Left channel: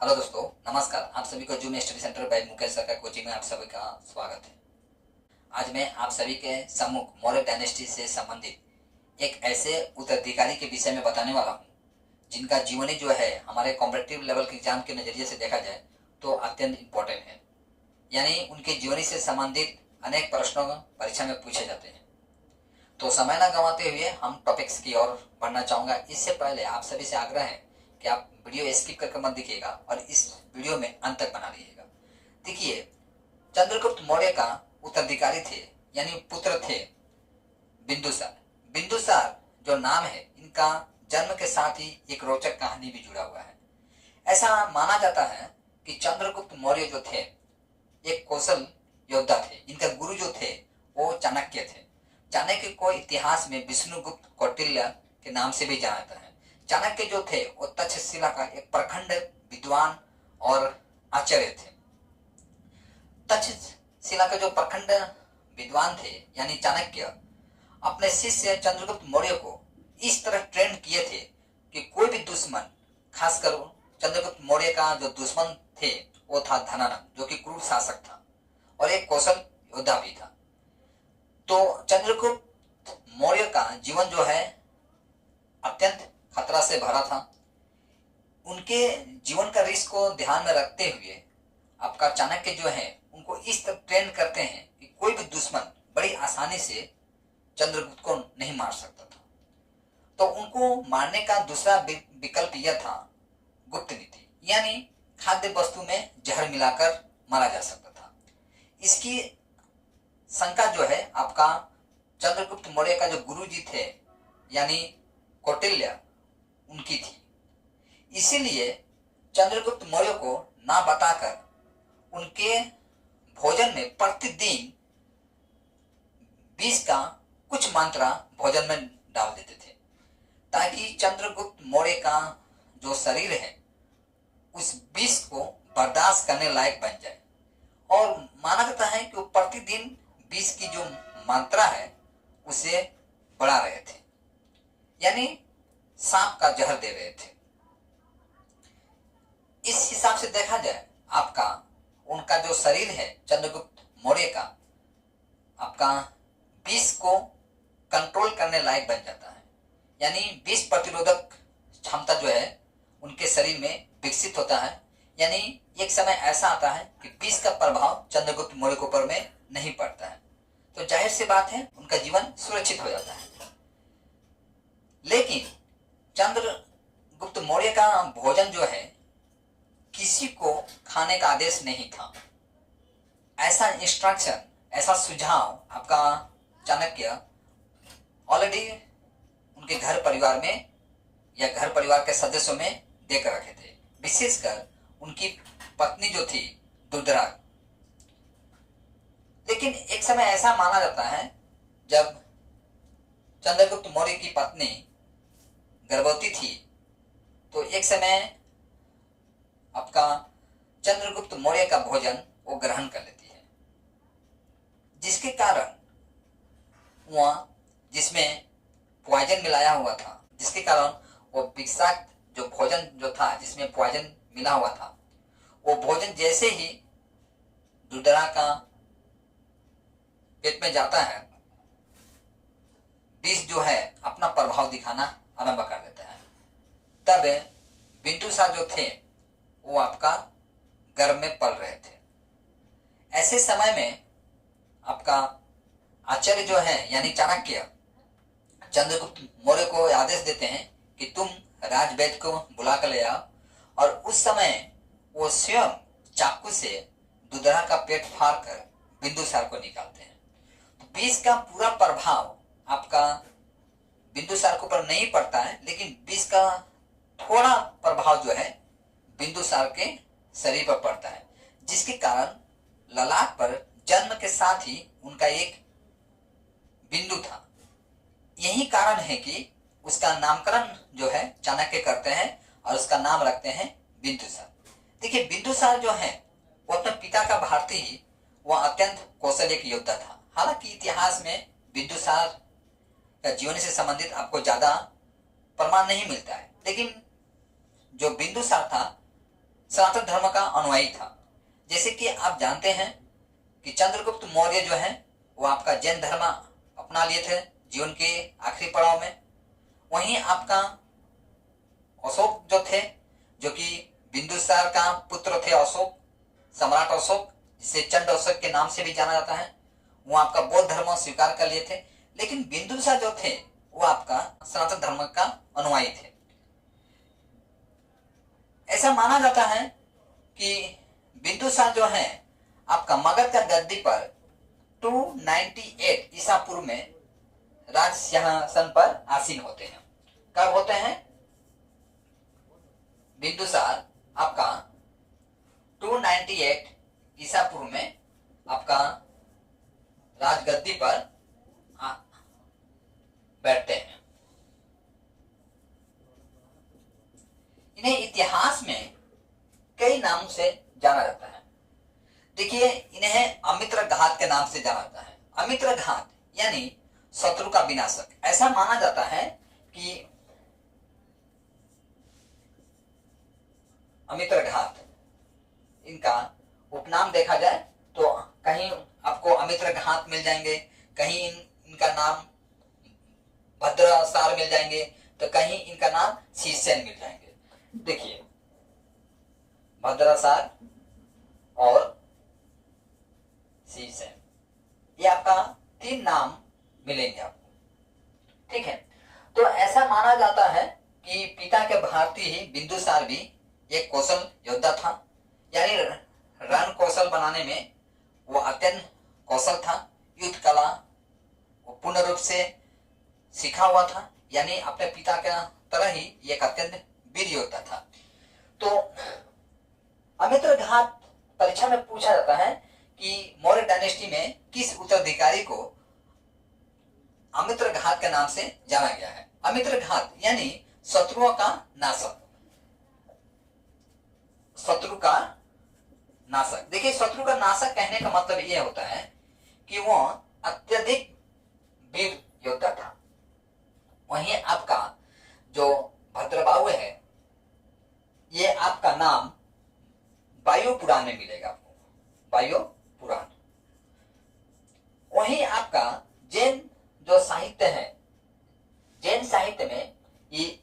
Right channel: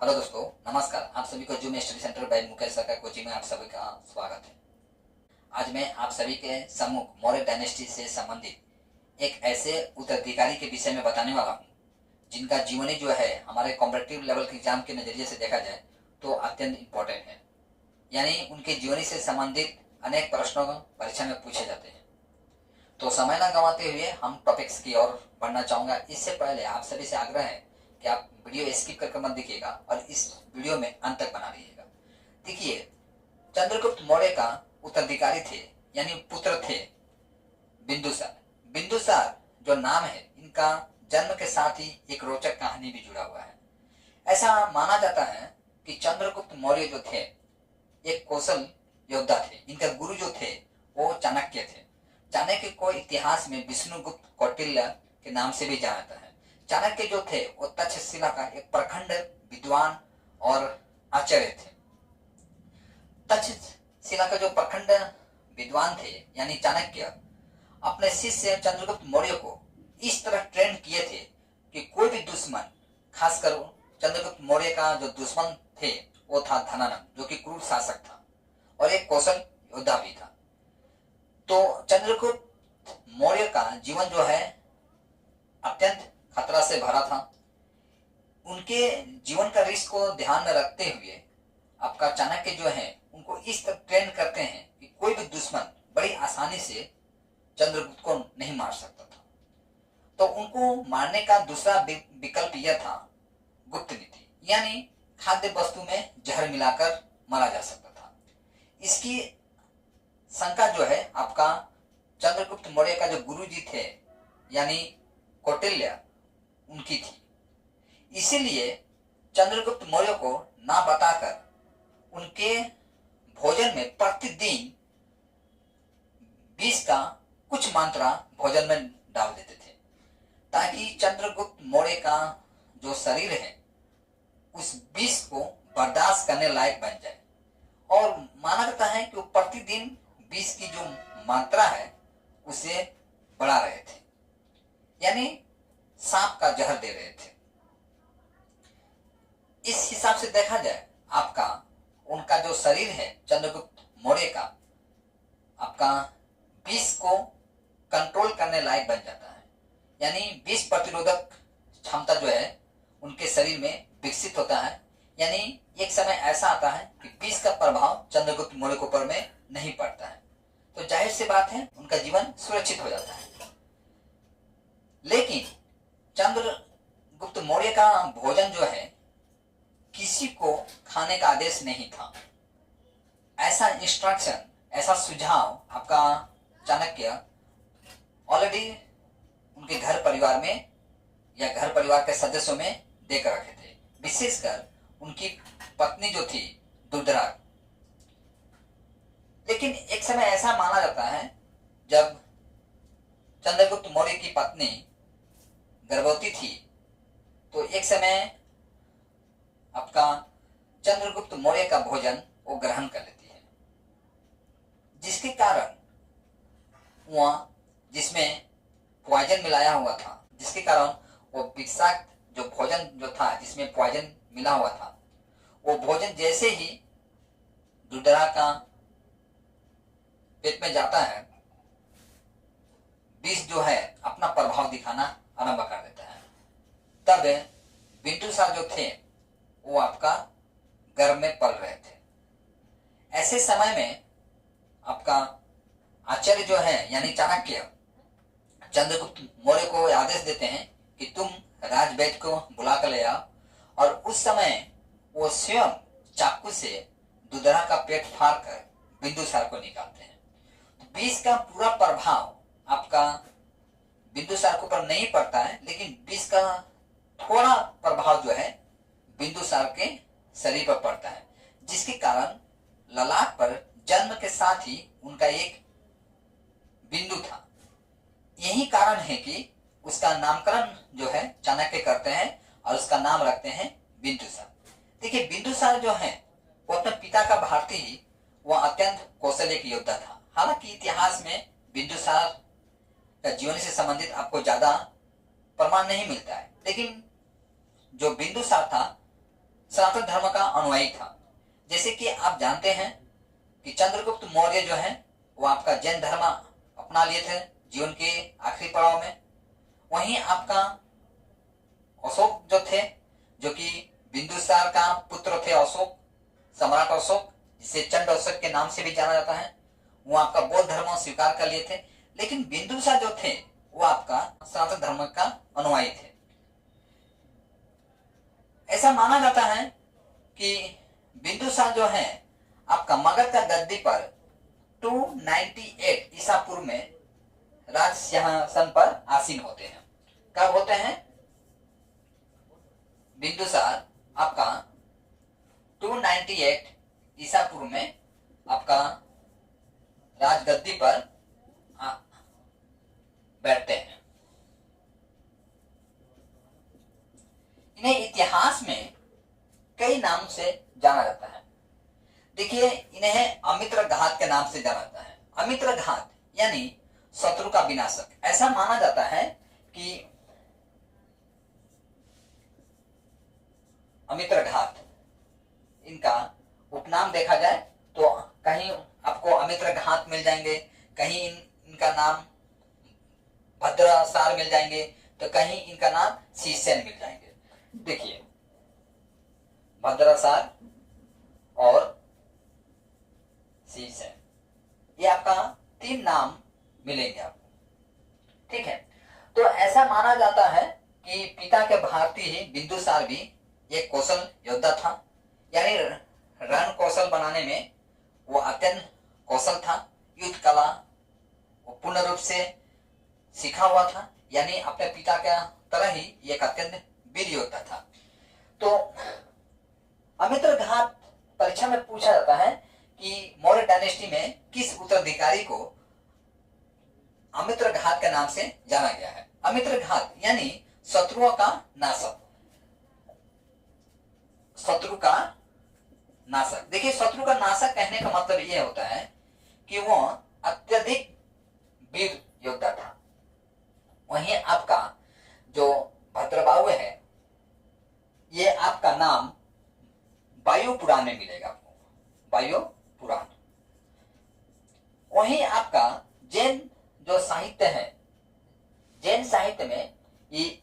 Hello दोस्तों, नमस्कार। आप सभी को zoom study centre by Mukesh sir का कोचिंग में आप सभी का स्वागत है। आज मैं आप सभी के सम्मुख मौर्य डायनेस्टी से संबंधित एक ऐसे उत्तराधिकारी के विषय में बताने वाला हूँ जिनका जीवनी जो है हमारे कॉम्पिटिटिव लेवल के एग्जाम के नजरिए से देखा जाए तो अत्यंत इम्पोर्टेंट है। यानी उनके जीवनी से संबंधित अनेक प्रश्नों परीक्षा में पूछे जाते हैं। तो समय न गंवाते हुए हम टॉपिक्स की ओर बढ़ना चाहूंगा। इससे पहले आप सभी से आग्रह है कि आप वीडियो स्किप करके मत देखिएगा और इस वीडियो में अंत तक बना रहिएगा। देखिए, चंद्रगुप्त मौर्य का उत्तराधिकारी थे यानी पुत्र थे बिंदुसार। बिंदुसार जो नाम है, इनका जन्म के साथ ही एक रोचक कहानी भी जुड़ा हुआ है। ऐसा माना जाता है कि चंद्रगुप्त मौर्य जो थे एक कौशल योद्धा थे। इनके गुरु जो थे वो चाणक्य थे। चाणक्य को इतिहास में विष्णुगुप्त कौटिल्य के नाम से भी जाना जाता है। चाणक्य जो थे वो तक्षशिला का एक प्रखंड विद्वान और आचार्य थे। तक्षशिला का जो प्रखंड विद्वान थे यानी चाणक्य अपने शिष्य चंद्रगुप्त मौर्य को इस तरह ट्रेन किए थे कि कोई भी दुश्मन, खासकर चंद्रगुप्त मौर्य का जो दुश्मन थे वो था धनानंद, जो कि क्रूर शासक था और एक कौशल योद्धा भी था। तो चंद्रगुप्त मौर्य का जीवन जो है अत्यंत खतरा से भरा था। उनके जीवन का रिस्क को ध्यान में रखते हुए आपका चाणक्य जो है उनको इस तरह ट्रेन करते हैं कि कोई भी दुश्मन बड़ी आसानी से चंद्रगुप्त को नहीं मार सकता था। तो उनको मारने का दूसरा विकल्प यह था गुप्त नीति, यानी खाद्य वस्तु में जहर मिलाकर मारा जा सकता था। इसकी शंका जो है आपका चंद्रगुप्त मौर्य का जो गुरुजी थे यानी कौटिल्य, उनकी थी। इसीलिए चंद्रगुप्त मौर्य को ना बताकर उनके भोजन में प्रतिदिन विष का कुछ मात्रा भोजन में डाल देते थे, ताकि चंद्रगुप्त मौर्य का जो शरीर है उस विष को बर्दाश्त करने लायक बन जाए। और माना जाता है कि वो प्रतिदिन विष की जो मात्रा है उसे बढ़ा रहे थे, यानी सांप का जहर दे रहे थे। इस हिसाब से देखा जाए आपका उनका जो शरीर है चंद्रगुप्त मौर्य का आपका विष को कंट्रोल करने लायक बन जाता है, यानी विष प्रतिरोधक क्षमता जो है उनके शरीर में विकसित होता है। यानी एक समय ऐसा आता है कि विष का प्रभाव चंद्रगुप्त मौर्य के ऊपर में नहीं पड़ता है, तो जाहिर सी बात है उनका जीवन सुरक्षित हो जाता है। लेकिन चंद्रगुप्त मौर्य का भोजन जो है किसी को खाने का आदेश नहीं था। ऐसा इंस्ट्रक्शन, ऐसा सुझाव आपका चाणक्य ऑलरेडी उनके घर परिवार में या घर परिवार के सदस्यों में देकर रखे थे, विशेषकर उनकी पत्नी जो थी दुर्धरा। लेकिन एक समय ऐसा माना जाता है जब चंद्रगुप्त मौर्य की पत्नी गर्भवती थी, तो एक समय आपका चंद्रगुप्त मौर्य का भोजन वो ग्रहण कर लेती है, जिसके कारण वह जिसमें पॉइजन मिलाया हुआ था, जिसके कारण वो विषाक्त जो भोजन जो था जिसमें पॉइजन मिला हुआ था, वो भोजन जैसे ही दुर्धरा का पेट में जाता है, विष जो है अपना प्रभाव दिखाना आरंभ कर देता है। तब बिंदुसार जो थे वो आपका गर्भ में पल रहे थे। ऐसे समय में आपका आचार्य जो है यानी चाणक्य चंद्रगुप्त मौर्य को आदेश देते हैं कि तुम राजवैद्य को बुला कर ले आओ, और उस समय वो स्वयं चाकू से दुर्धरा का पेट फाड़ कर बिंदुसार को निकालते हैं। तो विष का पूरा प्रभाव आपका बिंदुसार के ऊपर नहीं पड़ता है, लेकिन विष का थोड़ा प्रभाव जो है बिंदुसार के शरीर पर पड़ता है, जिसके कारण ललाट पर जन्म के साथ ही उनका एक बिंदु था। यही कारण है कि उसका नामकरण जो है चाणक्य करते हैं और उसका नाम रखते हैं बिंदुसार। देखिए, बिंदुसार जो है वो अपने पिता का भारती ही वह अत्यंत कौशल्य की योद्धा था। हालांकि इतिहास में बिंदुसार का जीवन से संबंधित आपको ज्यादा प्रमाण नहीं मिलता है, लेकिन जो बिंदुसार था सनातन धर्म का अनुयायी था। जैसे कि आप जानते हैं कि चंद्रगुप्त मौर्य जो है वो आपका जैन धर्म अपना लिए थे जीवन के आखिरी पड़ाव में। वहीं आपका अशोक जो थे, जो कि बिंदुसार का पुत्र थे, अशोक, सम्राट अशोक, जिसे चंड अशोक के नाम से भी जाना जाता है, वो आपका बौद्ध धर्म स्वीकार कर लिए थे। लेकिन बिंदुसार जो थे वो आपका सनातन धर्म का अनुयायी थे। ऐसा माना जाता है कि बिंदुसार जो है आपका मगध का गद्दी पर 298 ईसा पूर्व में राज सिंहासन पर आसीन होते हैं। कब होते हैं? बिंदुसार आपका 298 ईसा पूर्व में आपका राजगद्दी पर बैठते हैं। इन्हें इतिहास में कई नाम से जाना जाता है। देखिए, इन्हें अमित्र घात के नाम से जाना जाता है। अमित्र घात यानी शत्रु का विनाशक। ऐसा माना जाता है कि अमित्र घात इनका उपनाम देखा जाए तो कहीं आपको अमित्र घात मिल जाएंगे, कहीं इनका नाम भद्रासार मिल जाएंगे, तो कहीं इनका नाम शीर्षसेन मिल जाएंगे। देखिए, भद्रासार और शीर्षसेन, ये आपका 3 नाम मिलेंगे आपको। ठीक है, तो ऐसा माना जाता है कि पिता के भारती ही बिंदुसार भी एक कौशल योद्धा था, यानी रण कौशल बनाने में वो अत्यंत कौशल था। युद्ध कला वो पूर्ण रूप से सीखा हुआ था, यानी अपने पिता के तरह ही एक अत्यंत वीर योद्धा था। तो अमित्र घात परीक्षा में पूछा जाता है कि मौर्य डायनेस्टी में किस उत्तराधिकारी को अमित्र घात के नाम से जाना गया है। अमित्र घात यानी शत्रुओं का नाशक, शत्रु का नाशक। देखिए, शत्रु का नाशक कहने का मतलब यह होता है कि वो अत्यधिक वीर योद्धा था। वहीं आपका जो भद्रबाहु है, ये आपका नाम वायु पुराण में मिलेगा आपको, वायु पुराण। वहीं आपका जैन जो साहित्य है, जैन साहित्य में ये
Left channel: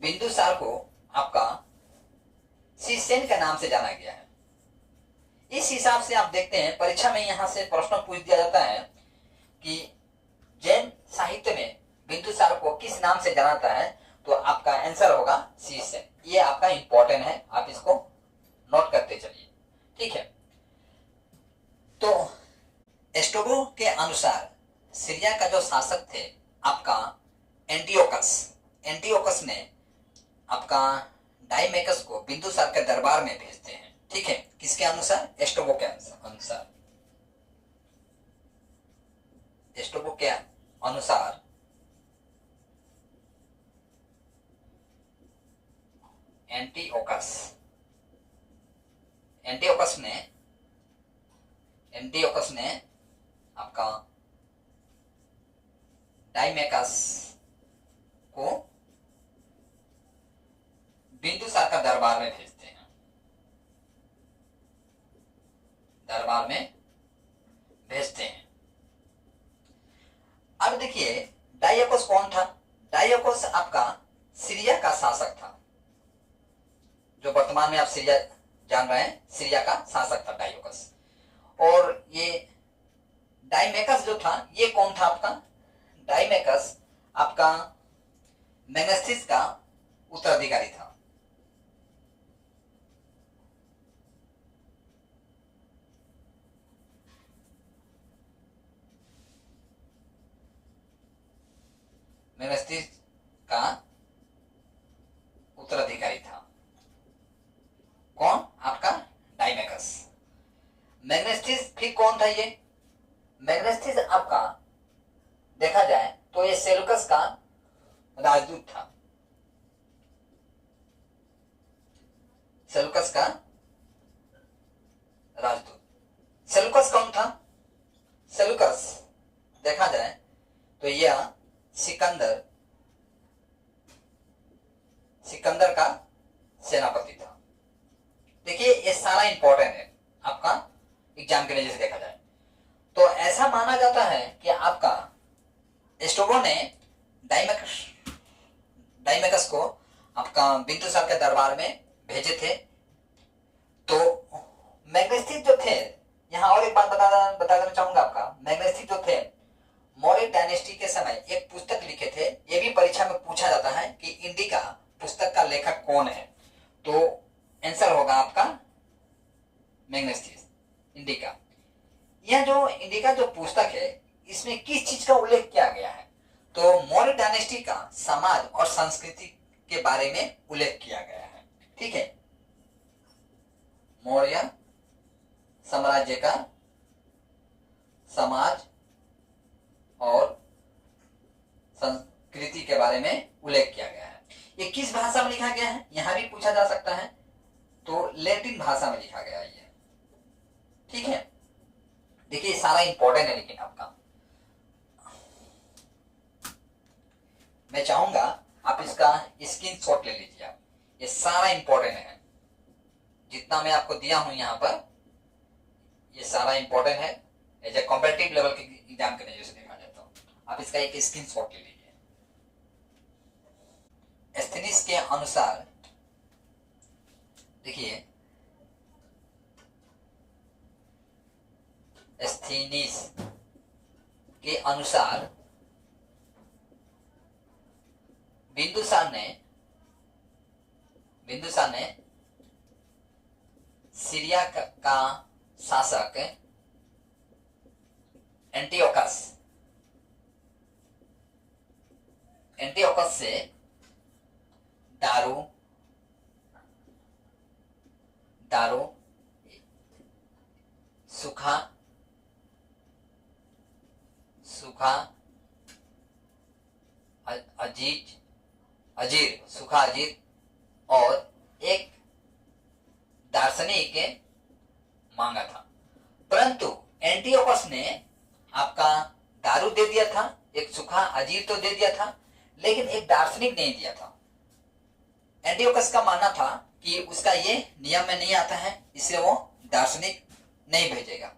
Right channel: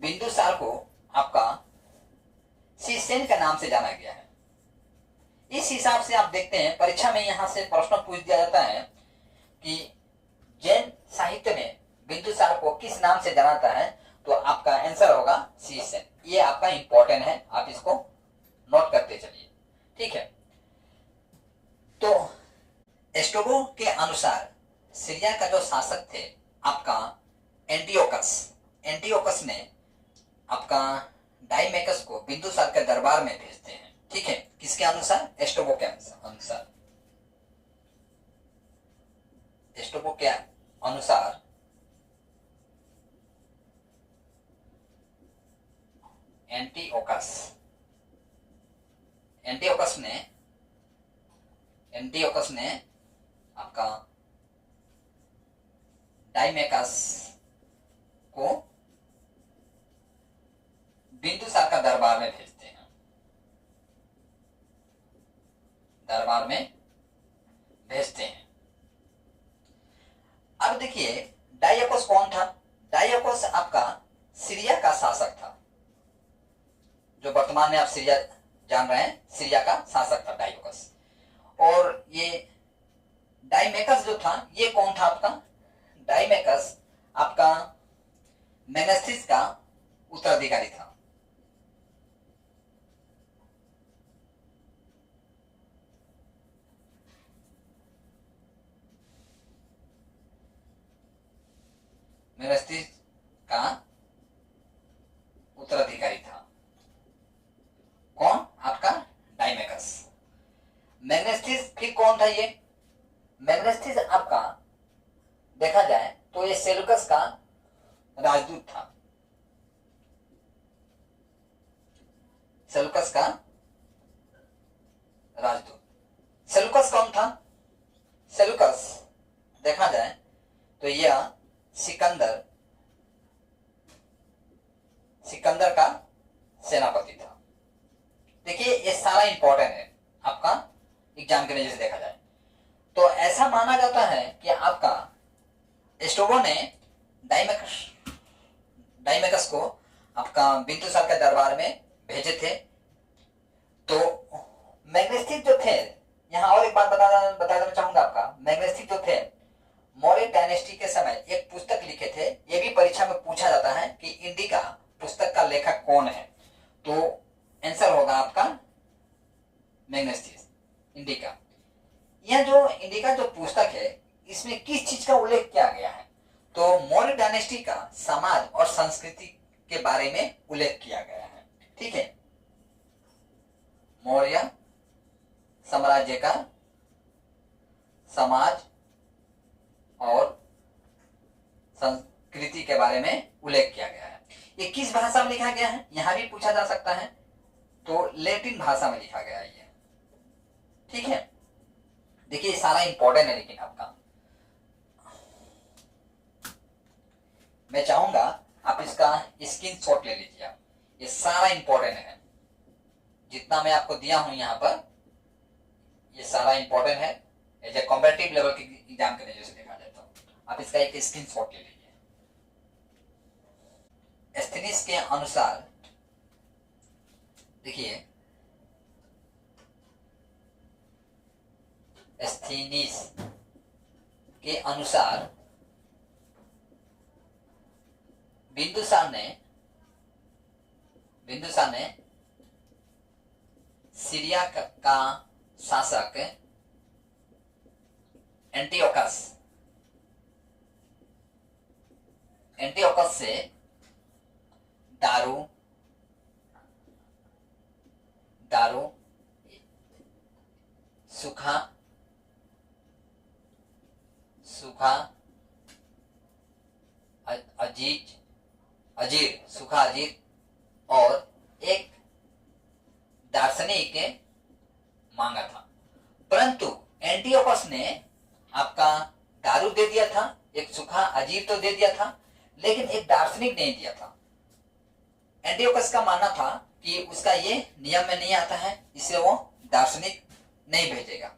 बिंदुसार को आपका शीर्षसेन के नाम से जाना गया है। इस हिसाब से आप देखते हैं, परीक्षा में यहां से प्रश्न पूछ दिया जाता है कि जैन साहित्य में बिंदुसार को किस नाम से जाना जाता है, तो आपका आंसर होगा शीर्षसेन। ये आपका इंपॉर्टेंट है, आप इसको नोट करते चलिए। ठीक है, तो एस्ट्रोगो के अनुसार सीरिया का जो शासक थे आपका एंटियोकस, एंटियोकस ने आपका डाइमेकस को बिंदुसार के दरबार में भेजते हैं। ठीक है, किसके अनुसार? एस्ट्रोगो के अनुसार। एस्ट्रोगो के अनुसार एंटियोकस ने आपका डाइमेकस को बिंदुसार का दरबार में भेजते हैं। दरबार में भेजते हैं। अब देखिए, डाइयोकस कौन था? डाइयोकस आपका सीरिया का शासक था, जो वर्तमान में आप सीरिया जान रहे हैं, सीरिया का शासक था डाइयोकस। और ये डाइमेकस जो था, ये कौन था आपका? डाइमेकस आपका मेनेस्थिस का उत्तराधिकारी था। मेनेस्थिस का उत्तराधिकारी था। कौन? आपका डाइमेकस। मैग्नेस्टिस फिर कौन था? ये मैग्नेस्टिस आपका देखा जाए तो ये सेल्यूकस का राजदूत था। सेल्यूकस का राजदूत। सेल्यूकस कौन था? सेल्यूकस देखा जाए तो यह सिकंदर का सेनापति था। देखिए, ये सारा इंपॉर्टेंट है आपका एग्जाम के नजर से देखा जाए तो। ऐसा माना जाता है कि आपका स्ट्रैबो ने डाइमेकस को आपका बिंदुसार के दरबार में भेजे थे। तो मैग्नेस्टिक जो थे, यहाँ और एक बात बता देना चाहूंगा आपका, मैग्नेस्टिक जो थे मौर्य डायनेस्टी के समय एक पुस्तक लिखे थे। ये भी परीक्षा में पूछा जाता है कि इंडिका पुस्तक का लेखक कौन है, तो आंसर होगा आपका मैग्नेस्टिक, इंडिका। यह जो इंडिका जो पुस्तक है इसमें किस चीज का उल्लेख किया गया है, तो मौर्य डायनेस्टी का समाज और संस्कृति के बारे में उल्लेख किया गया है। ठीक है, मौर्य साम्राज्य का समाज और संस्कृति के बारे में उल्लेख किया गया है। ये किस भाषा में लिखा गया है, यहां भी पूछा जा सकता है, तो लैटिन भाषा में लिखा गया है ये। ठीक है, देखिए सारा इंपॉर्टेंट है, लेकिन आपका मैं चाहूंगा आप इसका स्क्रीनशॉट ले लीजिए। आप ये सारा इंपॉर्टेंट है, जितना मैं आपको दिया हूं यहाँ पर ये सारा इंपॉर्टेंट है। एज ए कॉम्पिटिटिव लेवल के एग्जाम के नजर से देखा जाए तो आप इसका एक स्क्रीनशॉट ले लीजिए। एस्थेनिस के अनुसार देखिए, एस्थेनिस के अनुसार बिंदुसार ने सीरिया का शासक एंटियोकस से दारू सूखा अजीर और एक दार्शनिक मांगा था, परंतु एंटियोकस ने आपका दारू दे दिया था, एक सूखा अजीर तो दे दिया था, लेकिन एक दार्शनिक नहीं दिया था। एंटियोकस का मानना था कि उसका ये नियम में नहीं आता है, इसलिए वो दार्शनिक नहीं भेजेगा।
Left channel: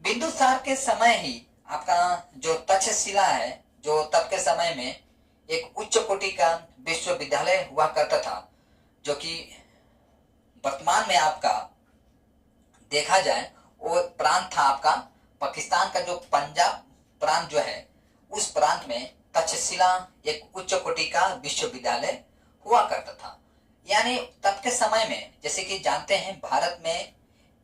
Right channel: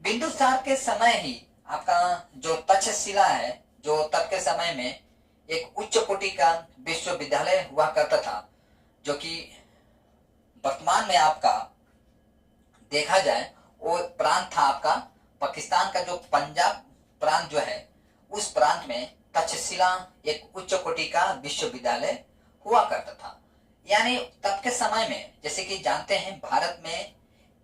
बिंदुसार के समय ही आपका जो तक्षशिला है, जो तब के समय में एक उच्च कोटि का विश्वविद्यालय हुआ करता था, जो कि वर्तमान में आपका देखा जाए वो प्रांत था आपका पाकिस्तान का जो पंजाब प्रांत जो है, उस प्रांत में तक्षशिला एक उच्च कोटि का विश्वविद्यालय हुआ करता था। यानी तब के समय में, जैसे कि जानते हैं भारत में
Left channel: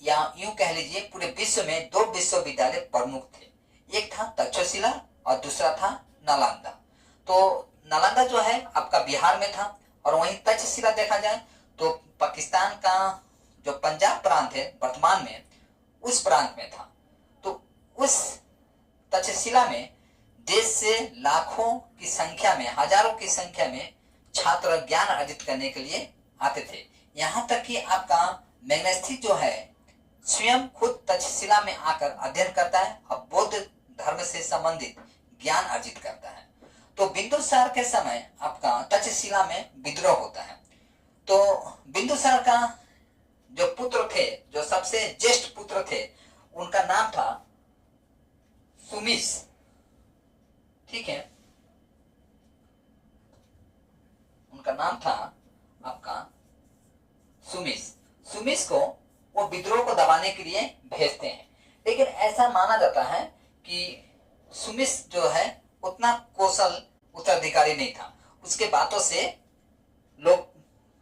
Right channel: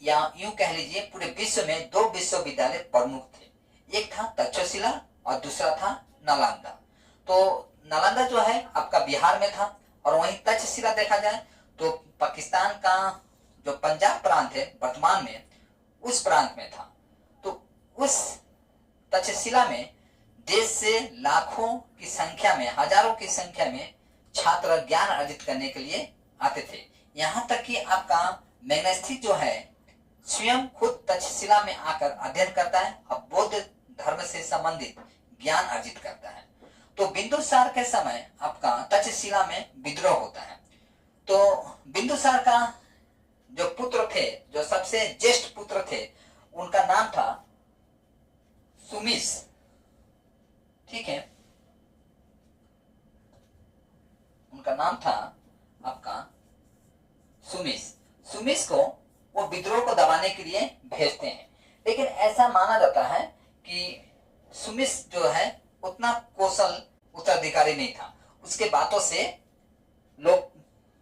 या यूं कह लीजिए पूरे विश्व में दो विश्वविद्यालय प्रमुख थे, एक था तक्षशिला और दूसरा था नालंदा। तो नालंदा जो है आपका बिहार में था, और वहीं तक्षशिला देखा जाए तो पाकिस्तान का जो पंजाब प्रांत है वर्तमान में, उस प्रांत में था। तो उस तक्षशिला में देश से लाखों की संख्या में, हजारों की संख्या में छात्र ज्ञान अर्जित करने के लिए आते थे। यहाँ तक कि आपका मैग्नेस्टिक जो है स्वयं खुद तक्षशिला में आकर अध्ययन करता है और बौद्ध धर्म से संबंधित ज्ञान अर्जित करता है। तो बिंदुसार के समय आपका तक्षशिला में विद्रोह होता है। तो बिंदुसार का जो पुत्र थे, जो सबसे ज्येष्ठ पुत्र थे, उनका नाम था सुमिस। ठीक है, उनका नाम था आपका सुमिस। सुमिस को वो विद्रोह को दबाने के लिए भेजते हैं, लेकिन ऐसा माना जाता है कि सुमिस जो है उतना कौशल उत्तराधिकारी नहीं था, उसके बातों से लोग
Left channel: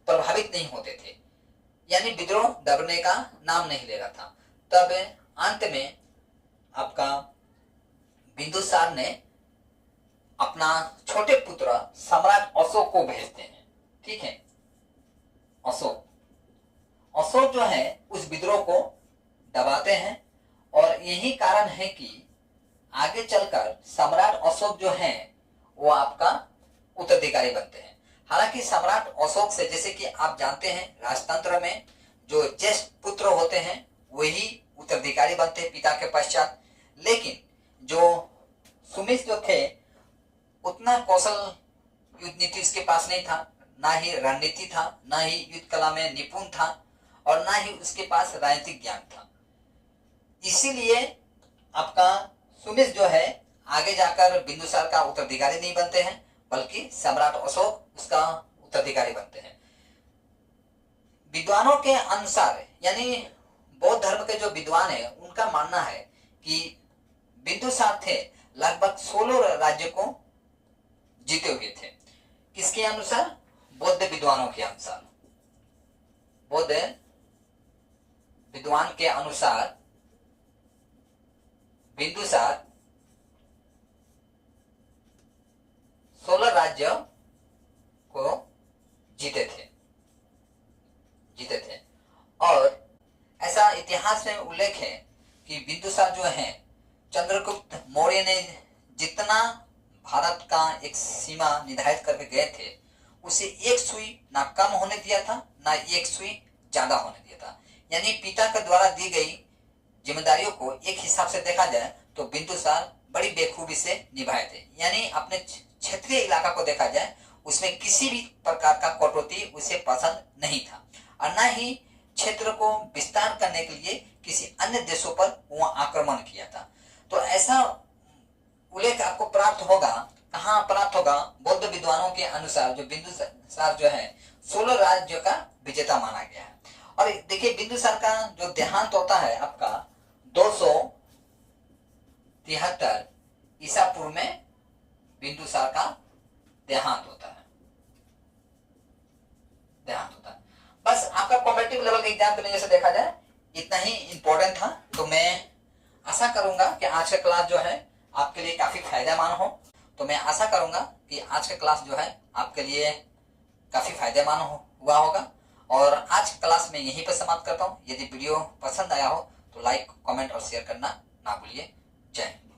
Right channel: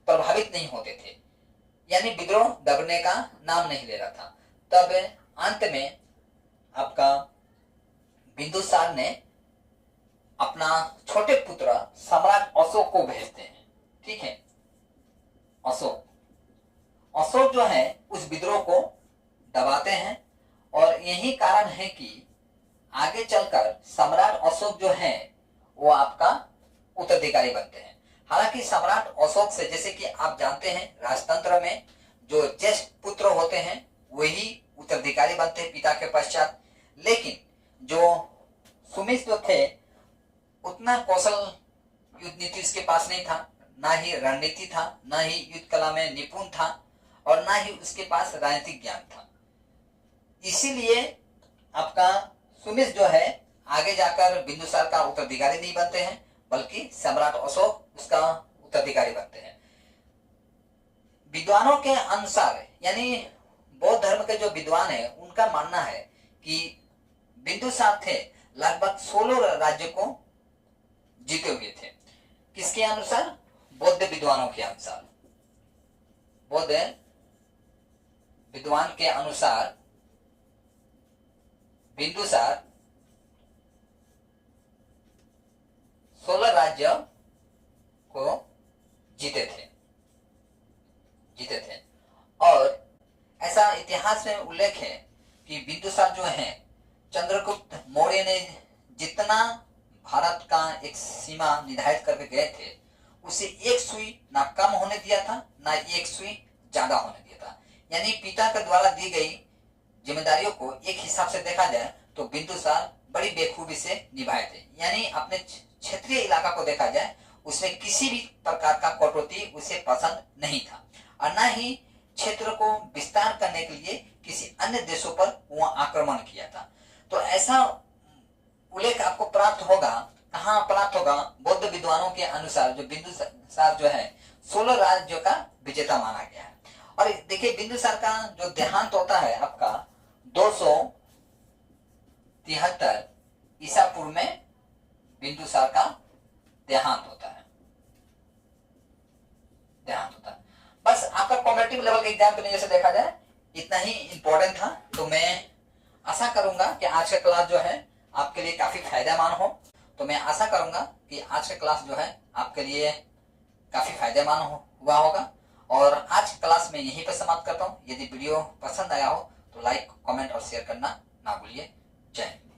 प्रभावित नहीं होते थे, यानी विद्रोह दबने का नाम नहीं ले रहा था। तब अंत में आपका बिंदुसार ने अपना छोटे पुत्र सम्राट अशोक को भेजते हैं। ठीक है, अशोक जो है उस विद्रोह को दबाते हैं, और यही कारण है कि आगे चलकर सम्राट अशोक जो है वो आपका उत्तराधिकारी बनते हैं। हालांकि सम्राट अशोक से, जैसे कि आप जानते हैं राजतंत्र में जो ज्येष्ठ पुत्र होते हैं वही उत्तराधिकारी बनते हैं पिता के पश्चात, लेकिन जो सुमिस जो थे उतना कौशल युद्ध नीति उसके पास नहीं था, ना ही रणनीति था, ना ही युद्ध कला में निपुण था, और ना ही उसके पास राजनीतिक ज्ञान था। इसीलिए आपका सुमित जो है आगे जाकर बिंदुसार का उत्तराधिकारी नहीं बनते हैं, बल्कि सम्राट अशोक उसका उत्तराधिकारी बनते हैं। विद्वानों के अनुसार, यानी बौद्ध धर्म के जो विद्वान है उनका मानना है कि बिंदुसार थे लगभग 16 राज्य को जीते हुए थे। किसके अनुसार? बौद्ध विद्वानों के अनुसार। बौद्ध विद्वान के अनुसार बिंदुसार 16 राज्य को जीते थे। और ऐसा इतिहास में उल्लेख है कि बिंदुसार जो है, चंद्रगुप्त मौर्य ने जितना भारत का एक सीमा निर्धारित करके गए थे उसे एक सुई ना कम होने दिया था, ना एक सुई ज्यादा होने दिया था। यानी पिता के द्वारा दी गई जिम्मेदारियों को एक हिसाब से देखा जाए तो बिंदुसार बड़ी बेखूबी से निभाए थे। यानी अपने क्षेत्रीय इलाका को देखा जाए उसमें किसी भी प्रकार का कटौती उसे पसंद नहीं था, और न ही क्षेत्र को विस्तार करने के लिए किसी अन्य देशों पर वह आक्रमण किया था। तो ऐसा उल्लेख आपको प्राप्त होगा, कहाँ प्राप्त होगा? बौद्ध विद्वानों के अनुसार जो बिंदुसार जो है 16 राज्यों का विजेता माना गया है। और देखिए बिंदुसार का जो देहांत होता है आपका 273 ईसा पूर्व में बिंदुसार का देहांत होता है। बस आपका कॉम्पिटिटिव लेवल का एग्जाम करने जैसे देखा जाए इतना ही इम्पोर्टेंट था। तो मैं आशा करूंगा कि आज का क्लास जो है आपके लिए काफी फायदेमंद हो। तो मैं आशा करूंगा कि आज का क्लास जो है आपके लिए काफी फायदेमंद हुआ होगा। और आज की क्लास में यहीं पर समाप्त करता हूँ। यदि वीडियो पसंद आया हो तो लाइक, कमेंट और शेयर करना ना भूलिए। जय हिंद।